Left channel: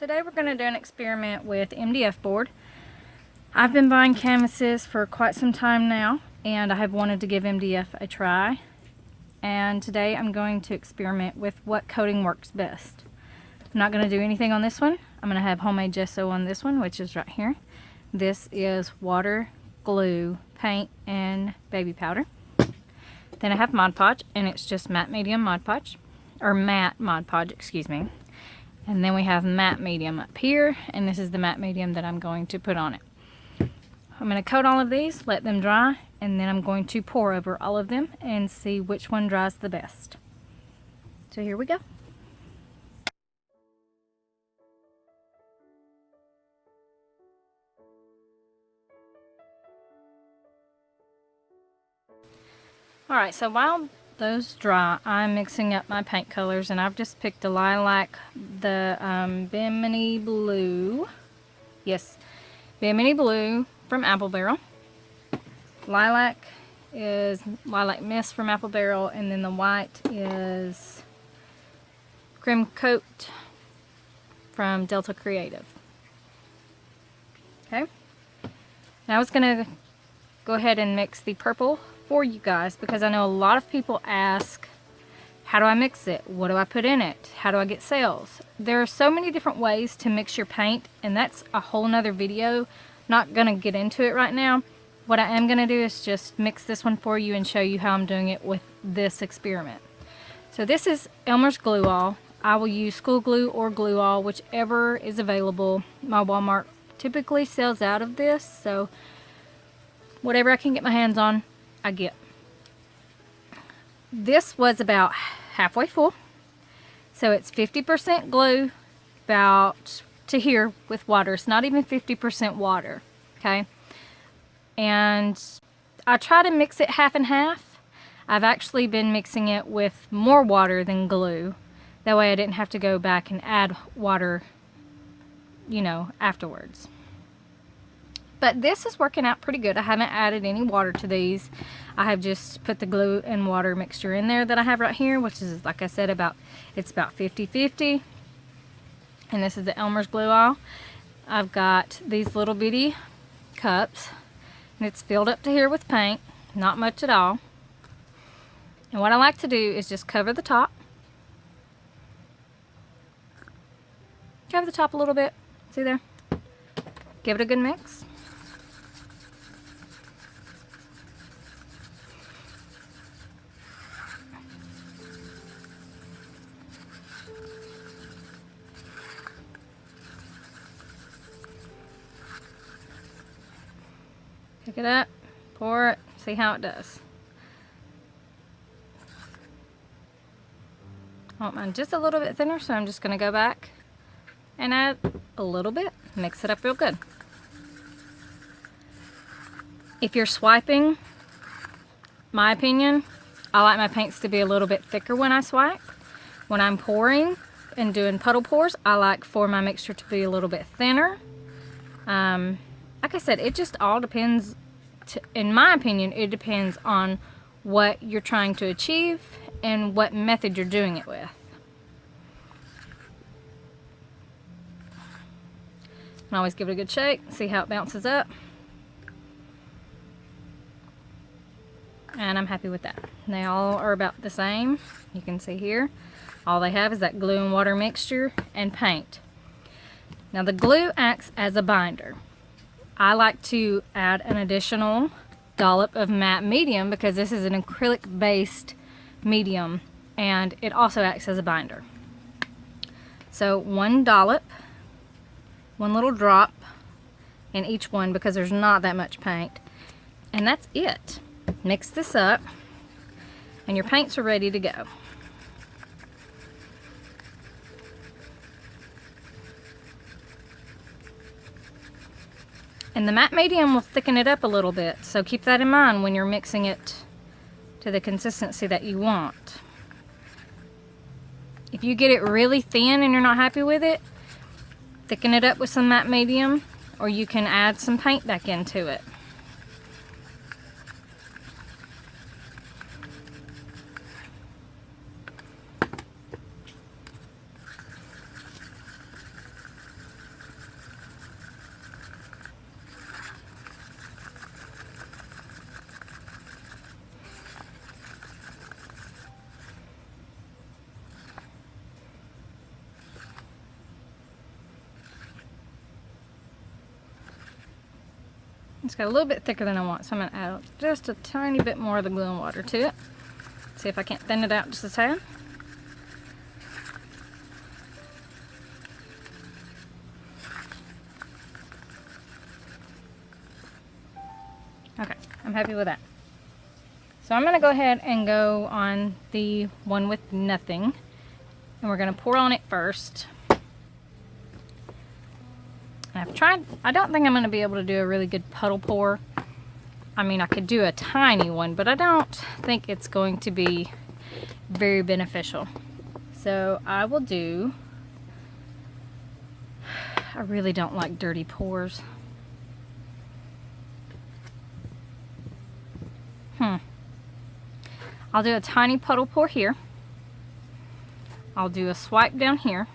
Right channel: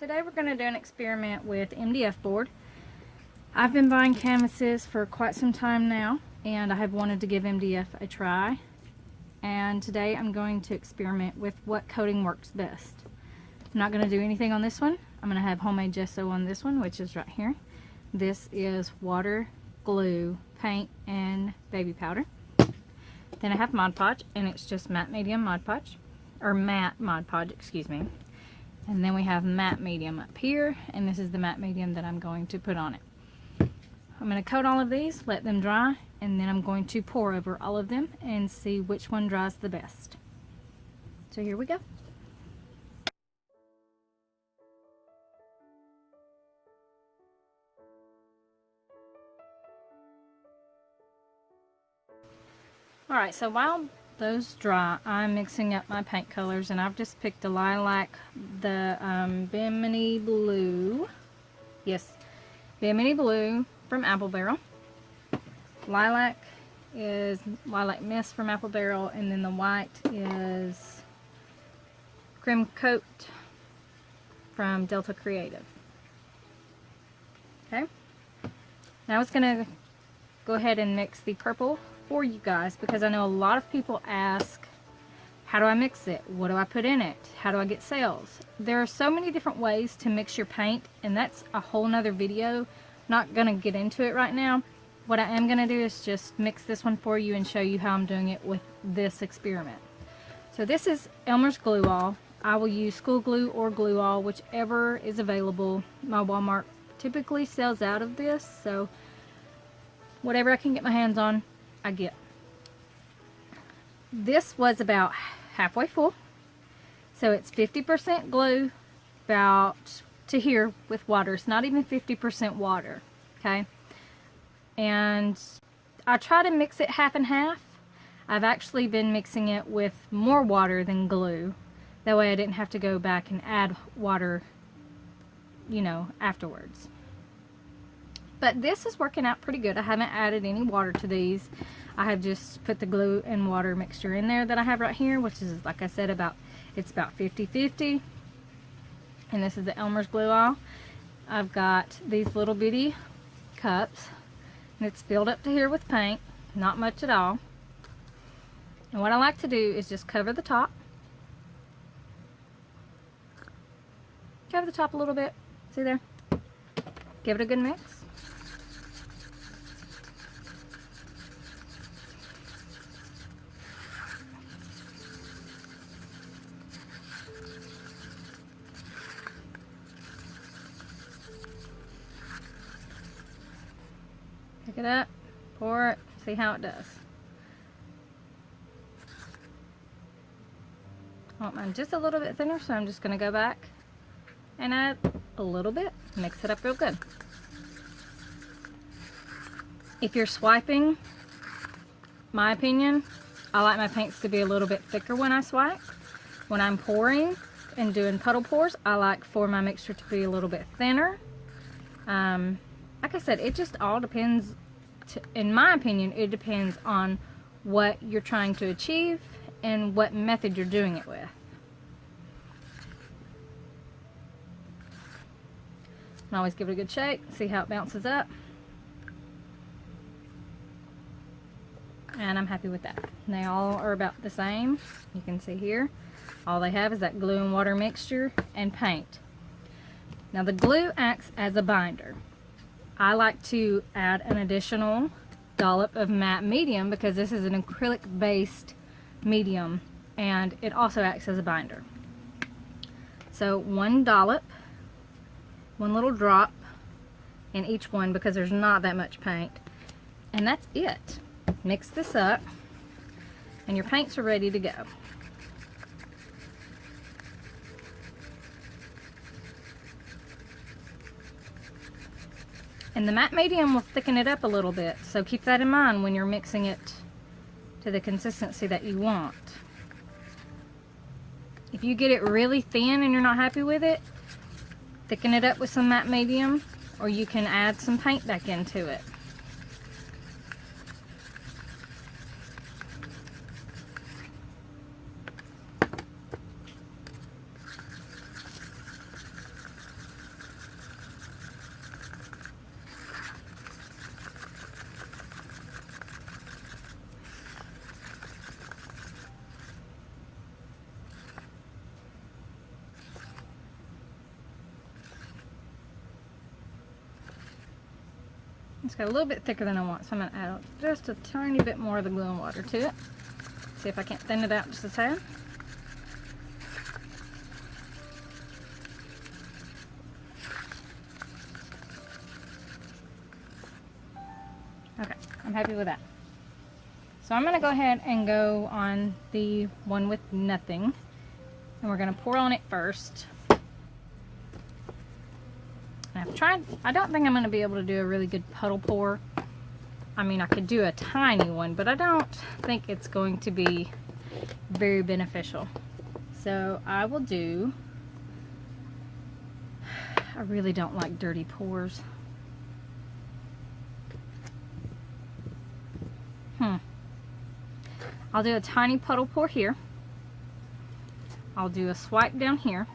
Today we're going to do an experiment with MDF board. I've been buying canvases for quite some time now, and I have wanted to give MDF a try. And today I'm going to experiment with what coating works best. I'm not going to do anything on this one. I'm going to have homemade gesso on this one, which is right here. This is water, glue, paint, and baby powder. Then I have Mod Podge, and it's just matte medium Mod Podge, or matte Mod Podge, excuse me. And then we have matte medium up here, and this is the matte medium that I'm going to put on it. I'm going to coat all of these, let them dry, and then I'm going to pour over all of them and see which one dries the best. So here we go. Alright, so while those dry, I'm mixing up my paint colors, and I've just picked a lilac, the Bimini Blue. Yes, Bimini Blue from Apple Barrel. Lilac is Lilac Mist from Apple Barrel, and then the white is Crim Coat from Delta Creative. Okay, now I was going to go ahead and mix the purple for you guys, because I know a lot of people ask, how do I mix it? What do I put in it? How do I get sales? There are so many different ways to mix your paint, and that's a whole nother video. Not gonna get into it right now. What I am gonna do is just mix this one for you and show you how I'm doing it with this experiment. So this is Elmer's Glue All. I will use school glue or glue all, whichever is available. My Walmart typically sells out of this, so whatever I can get my hands on, I get. This was about halfway full, so it's 50% glue, about to here with water. It's not even 50% water, okay? And I try to mix it half and half. I've actually been mixing it with more water than glue. That way I didn't have to go back and add water, you know, afterwards. But this is working out pretty good. I haven't added any water to these. I have just put the glue and water mixture in there that I have right here, which is, like I said, it's about 50-50. And this is the Elmer's Glue All. I've got these little bitty cups, and it's filled up to here with paint, not much at all. And what I like to do is just cover the top. Cover the top a little bit. See there? Give it a good mix. Pick it up, pour it, see how it does. I want mine just a little bit thinner, so I'm just going to go back and add a little bit, mix it up real good. If you're swiping, my opinion, I like my paints to be a little bit thicker when I swipe. When I'm pouring and doing puddle pours, I like for my mixture to be a little bit thinner. Like I said, it just all depends, in my opinion, it depends on what you're trying to achieve and what method you're doing it with. And always give it a good shake, see how it bounces up. And I'm happy with that. They all are about the same. You can see here, all they have is that glue and water mixture and paint. Now the glue acts as a binder. I like to add an additional dollop of matte medium because this is an acrylic based medium, and it also acts as a binder. So one dollop, one little drop in each one, because there's not that much paint, and that's it. Mix this up and your paints are ready to go. And the matte medium will thicken it up a little bit, so keep that in mind when you're mixing it to the consistency that you want. If you get it really thin and you're not happy with it, thicken it up with some matte medium, or you can add some paint back into it. It's got a little bit thicker than I want, so I'm going to add just a tiny bit more of the glue and water to it. See if I can't thin it out just a tad. Okay, I'm happy with that. So I'm going to go ahead and go on the one with nothing. And we're going to pour on it first. I've tried, I don't think I'm going to be able to do a really good puddle pour. I mean, I could do a tiny one, but I don't think it's going to be very beneficial. So I will do, I really don't like dirty pours. I'll do a tiny puddle pour here. I'll do a swipe down here.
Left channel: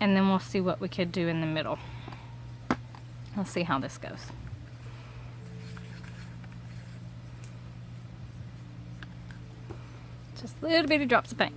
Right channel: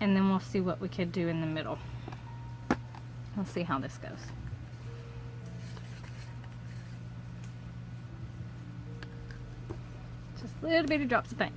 And then we'll see what we could do in the middle. Let's see how this goes. Just little bitty drops of paint.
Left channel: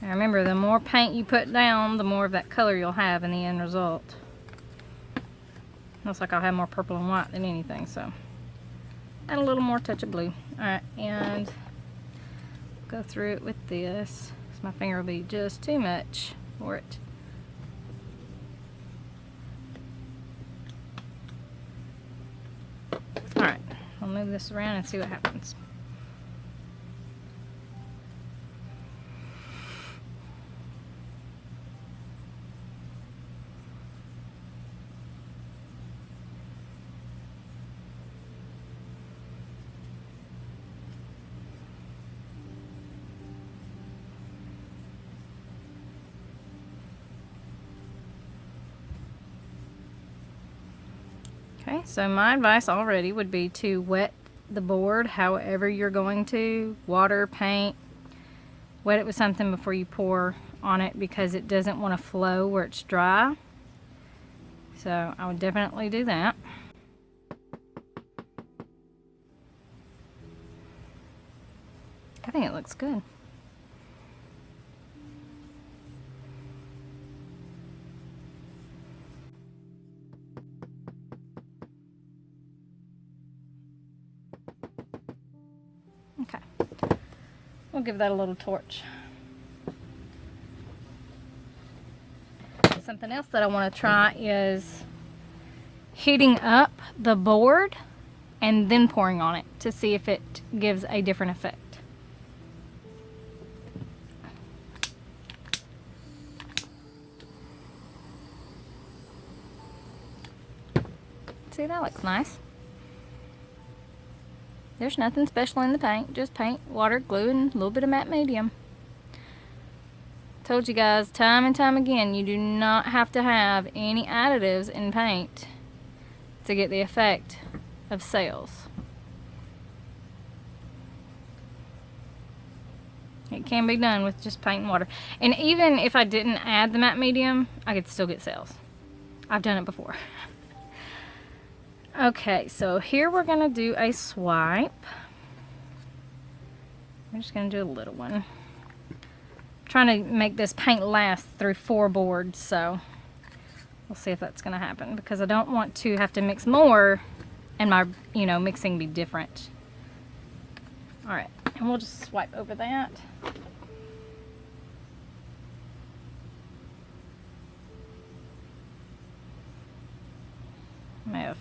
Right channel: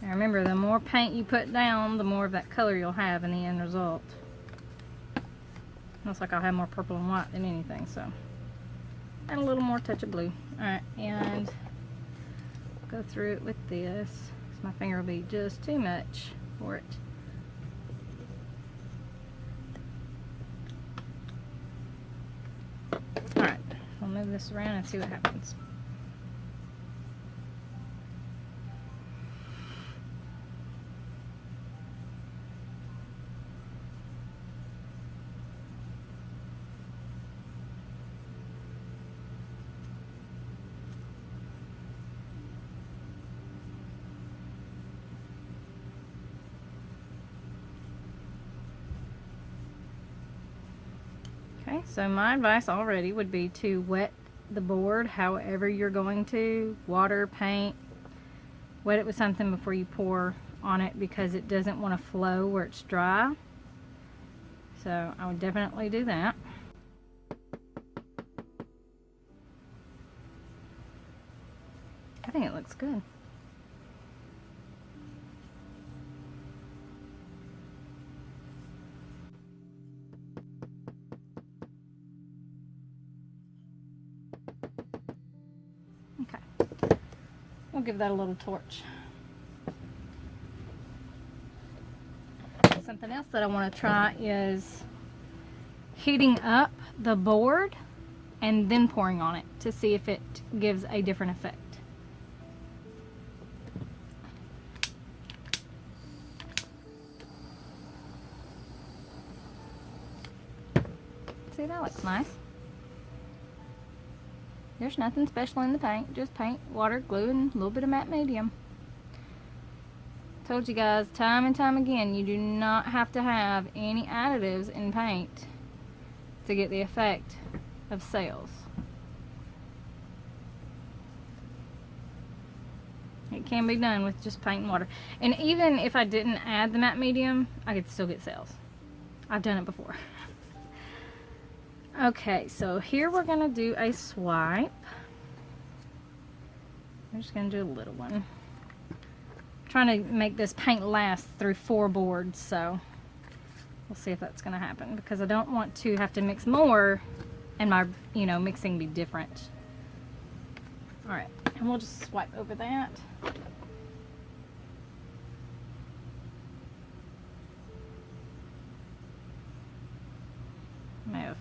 Now remember, the more paint you put down, the more of that color you'll have in the end result. Looks like I'll have more purple and white than anything, so add a little more touch of blue. Alright, and go through it with this, because my finger will be just too much for it. Alright, I'll move this around and see what happens. Okay, so my advice already would be to wet the board however you're going to. Water, paint, wet it with something before you pour on it because it doesn't want to flow where it's dry. So I would definitely do that. I think it looks good. Okay, we'll give that a little torch. Something else that I want to try is heating up the board and then pouring on it to see if it gives a different effect. See, that looks nice. There's nothing special in the paint, just paint, water, glue, and a little bit of matte medium. Told you guys time and time again, you do not have to have any additives in paint to get the effect of sails. It can be done with just paint and water. And even if I didn't add the matte medium, I could still get sails. I've done it before. Okay, so here we're going to do a swipe. We're just going to do a little one. I'm trying to make this paint last through 4 boards, so we'll see if that's going to happen, because I don't want to have to mix more and my, mixing be different. Alright, and we'll just swipe over that. May have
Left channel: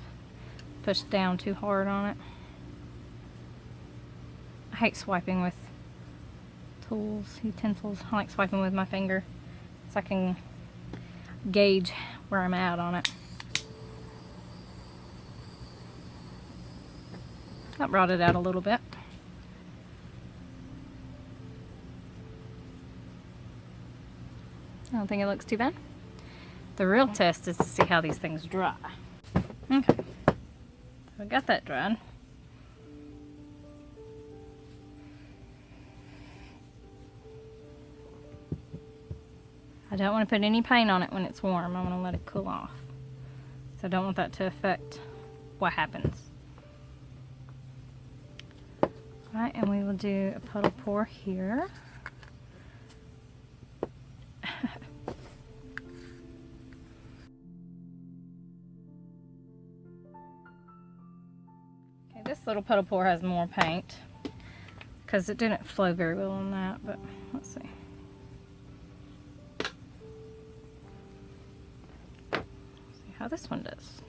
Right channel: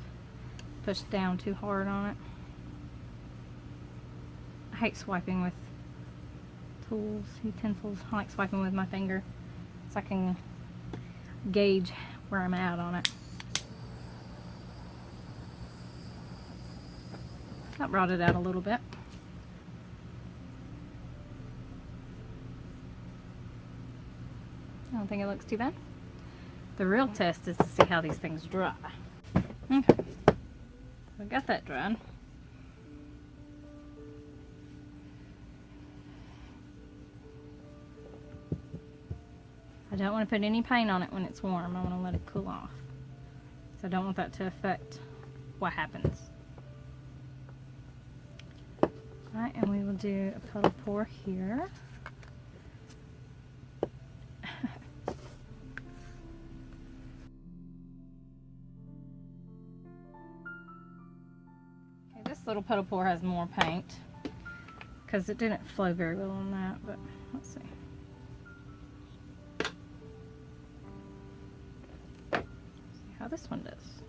pushed down too hard on it. I hate swiping with tools, utensils. I like swiping with my finger so I can gauge where I'm at on it. That brought it out a little bit. I don't think it looks too bad. The real test is to see how these things dry. Okay, so I got that dried. I don't want to put any paint on it when it's warm. I want to let it cool off. So I don't want that to affect what happens. Alright, and we will do a puddle pour here. Okay, this little puddle pour has more paint because it didn't flow very well on that, but let's see. See how this one does.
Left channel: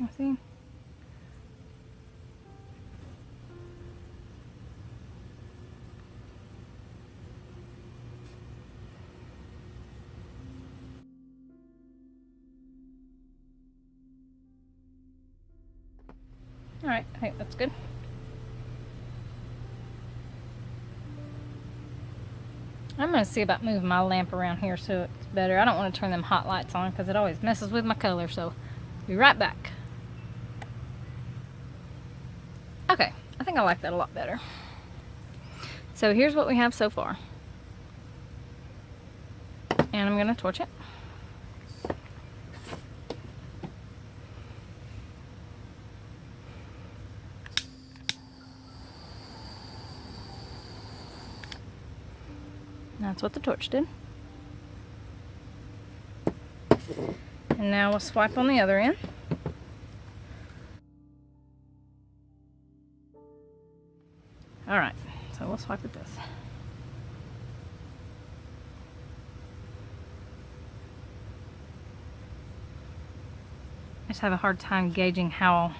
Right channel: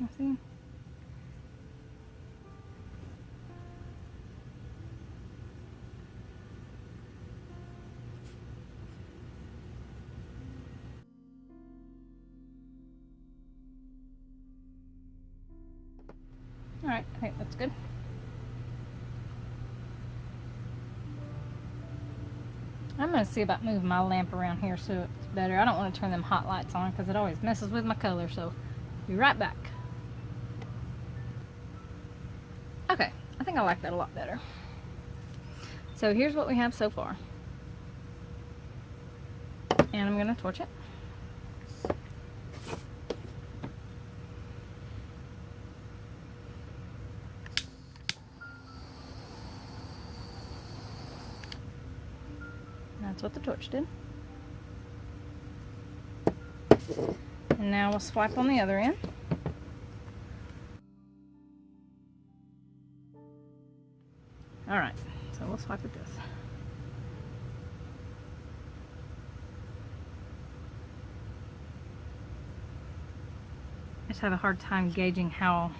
Let's see. Alright, I think that's good. I'm going to see about moving my lamp around here so it's better. I don't want to turn them hot lights on because it always messes with my color, so I'll be right back. Okay, I think I like that a lot better. So here's what we have so far. And I'm going to torch it. That's what the torch did. And now we'll swipe on the other end. Alright, so we'll swipe with this. I just have a hard time gauging how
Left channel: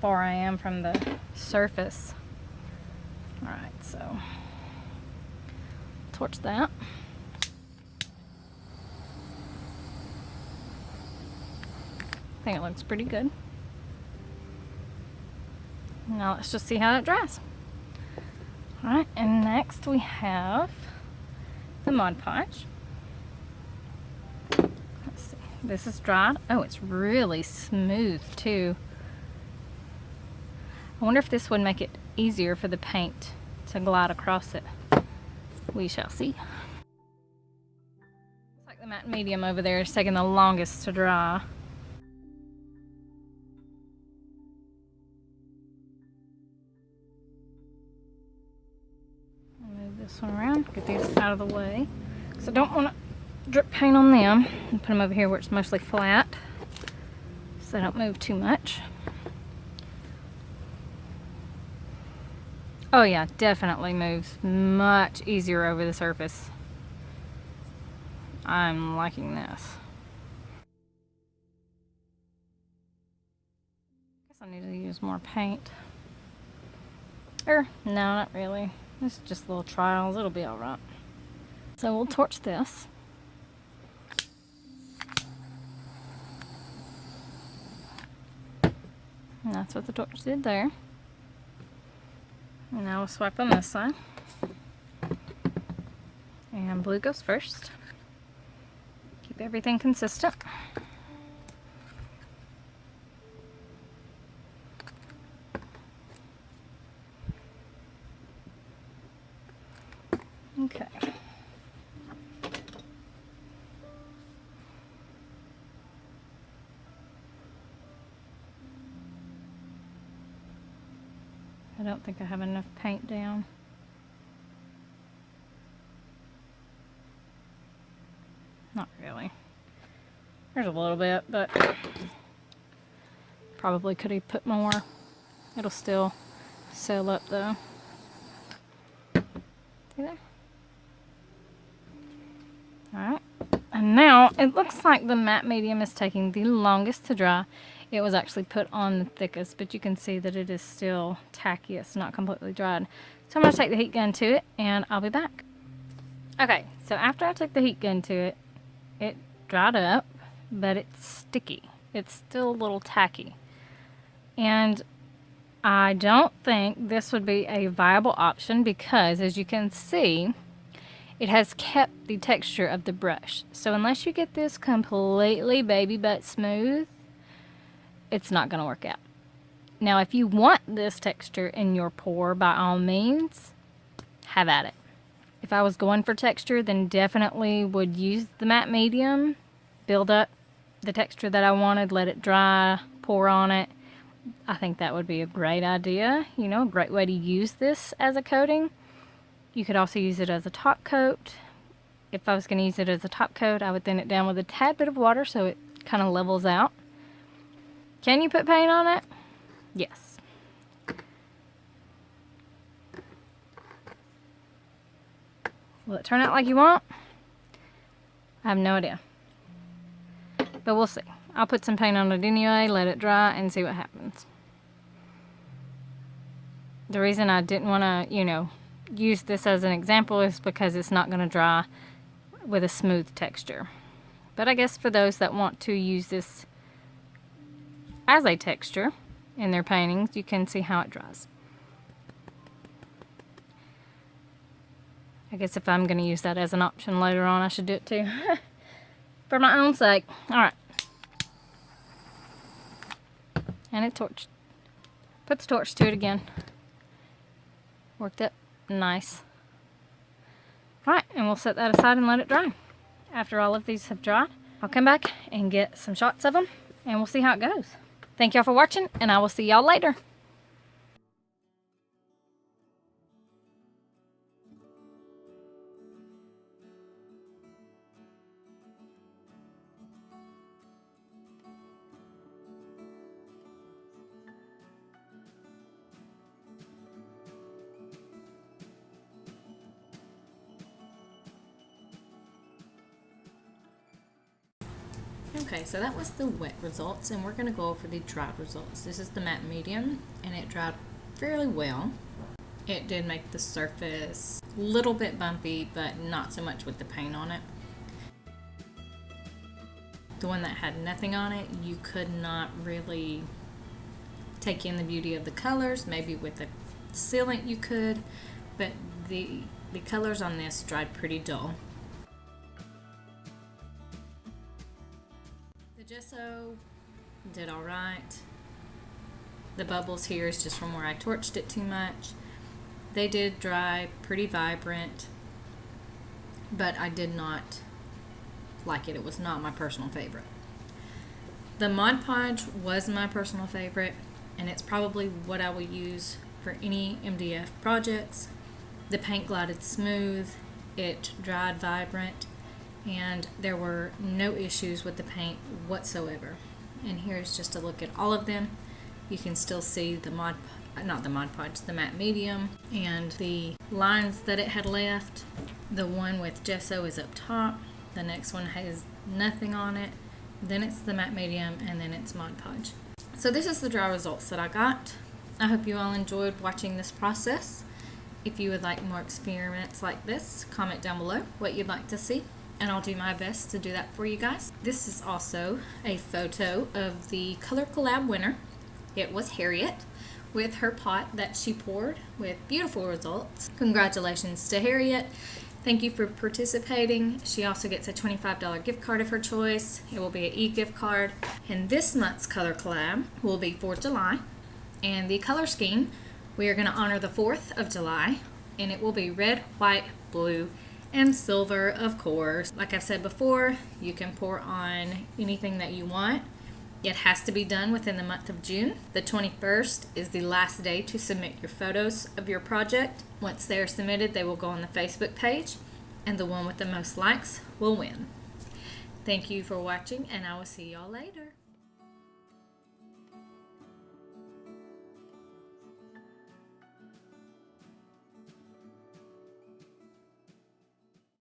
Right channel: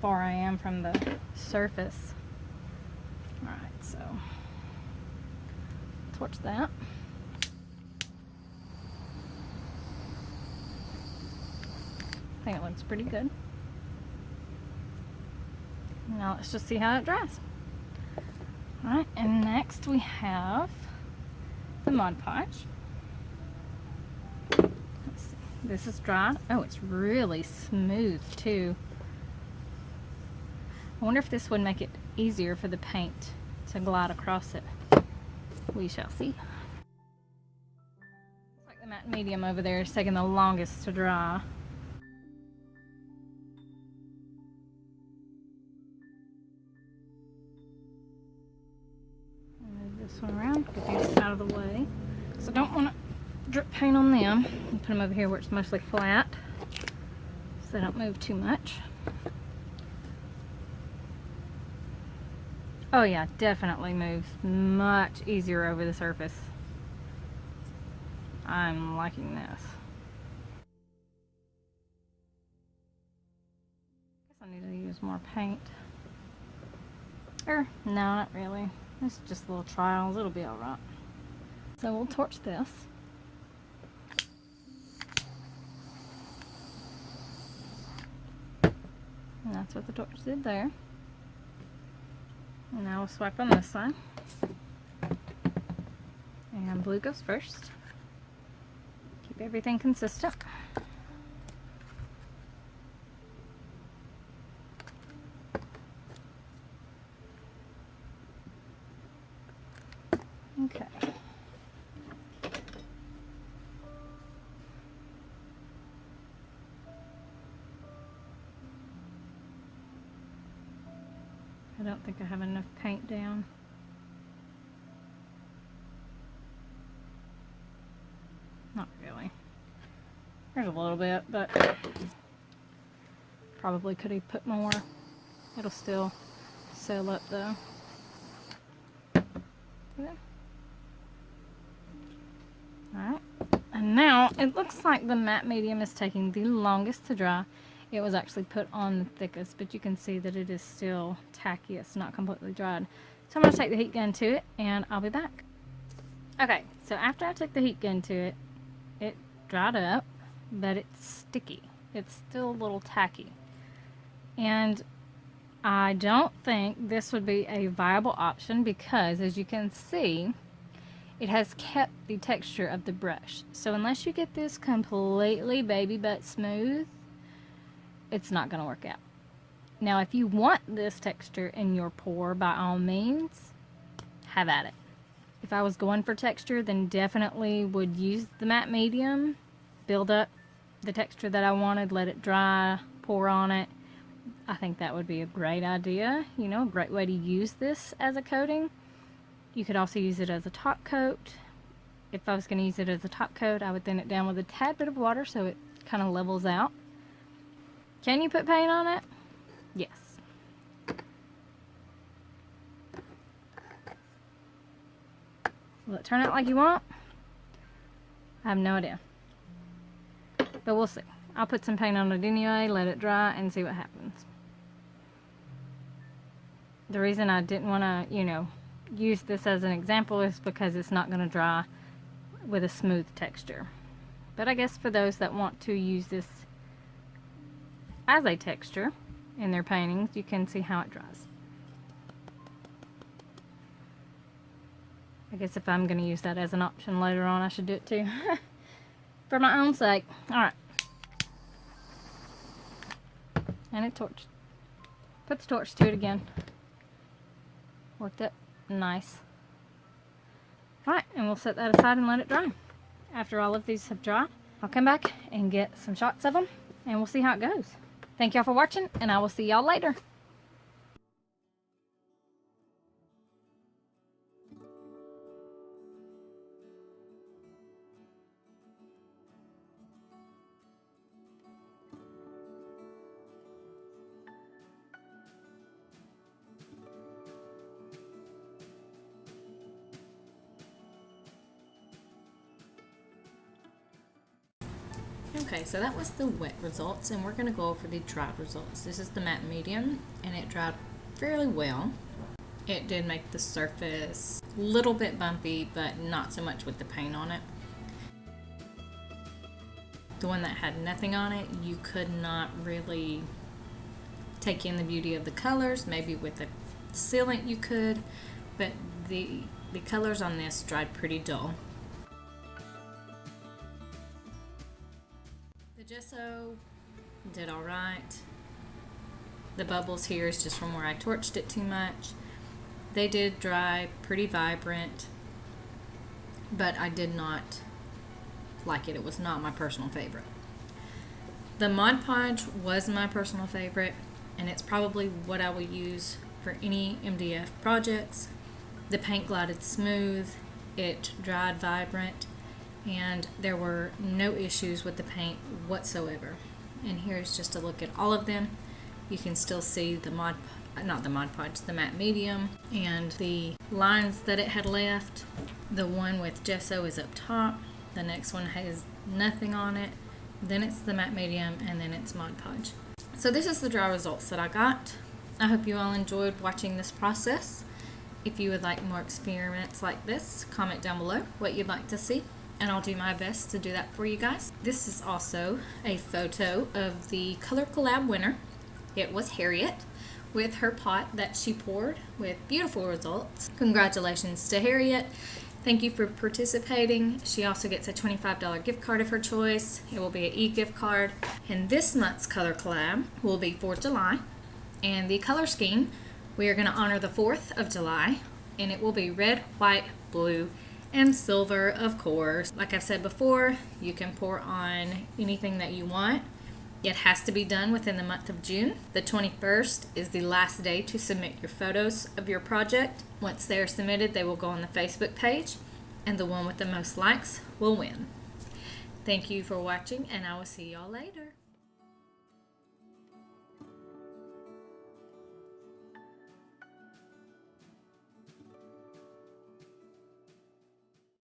far I am from the surface. Alright, so torch that. I think it looks pretty good. Now let's just see how it dries. Alright, and next we have the Mod Podge. Let's see. This is dried. Oh, it's really smooth too. I wonder if this would make it easier for the paint to glide across it. We shall see. Looks like the matte medium over there is taking the longest to dry. Move this one around, get these out of the way. So I don't want to drip paint on them. And put them over here where it's mostly flat, so they don't move too much. Oh yeah, definitely moves much easier over the surface. I'm liking this. Guess I need to use more paint. No, not really. It's just little trials. It'll be alright. So we'll torch this. And that's what the torch did there. And now we'll swipe on this side. And blue goes first. Keep everything consistent. Okay. I don't think I have enough paint down. Not really. There's a little bit, but probably could have put more. It'll still seal up though. See there? Alright. And now it looks like the matte medium is taking the longest to dry. It was actually put on the thickest, but you can see that it is still tacky. It's not completely dried. So I'm going to take the heat gun to it, and I'll be back. Okay, so after I took the heat gun to it, it dried up, but it's sticky. It's still a little tacky. And I don't think this would be a viable option because, as you can see, it has kept the texture of the brush. So unless you get this completely baby butt smooth, it's not going to work out. Now, if you want this texture in your pour, by all means, have at it. If I was going for texture, then definitely would use the matte medium, build up the texture that I wanted, let it dry, pour on it. I think that would be a great idea, you know, a great way to use this as a coating. You could also use it as a top coat. If I was going to use it as a top coat, I would thin it down with a tad bit of water so it kind of levels out. Can you put paint on it? Yes. Will it turn out like you want? I have no idea. But we'll see. I'll put some paint on it anyway, let it dry, and see what happens. The reason I didn't want to, you know, use this as an example is because it's not going to dry with a smooth texture. But I guess for those that want to use this as a texture in their paintings, you can see how it dries. I guess if I'm going to use that as an option later on, I should do it too. For my own sake. Alright. And it torched. Put the torch to it again. Worked it nice. Alright, and we'll set that aside and let it dry. After all of these have dried, I'll come back and get some shots of them, and we'll see how it goes. Thank y'all for watching, and I will see y'all later. Okay, so that was the wet results, and we're going to go over the dried results. This is the matte medium, and it dried fairly well. It did make the surface a little bit bumpy, but not so much with the paint on it. The one that had nothing on it, you could not really take in the beauty of the colors. Maybe with the sealant you could, but the colors on this dried pretty dull. Gesso did alright. The bubbles here is just from where I torched it too much. They did dry pretty vibrant, but I did not like it. It was not my personal favorite. The Mod Podge was my personal favorite, and it's probably what I will use for any MDF projects. The paint glided smooth, it dried vibrant, and there were no issues with the paint whatsoever. And here's just a look at all of them. You can still see the the matte medium and the lines that it had left. The one with gesso is up top. The next one has nothing on it. Then it's the matte medium, and then it's Mod Podge. So this is the dry results that I got. I hope you all enjoyed watching this process. If you would like more experiments like this, comment down below what you'd like to see, and I'll do my best to do that for you guys. This is also a photo of the Color Collab winner. It was Harriet with her pot that she poured with beautiful results. Congratulations to Harriet. Thank you for participating. She also gets a $25 gift card of her choice. It will be an e-gift card. And this month's Color Collab will be for July. And the color scheme, we are going to honor the 4th of July. And it will be red, white, blue, and silver, of course. Like I've said before, you can pour on anything that you want. It has to be done within the month of June. The 21st is the last day to submit your photos of your project. Once they are submitted, they will go on the Facebook page, and the one with the most likes will win. Thank you for watching, and I will see y'all later.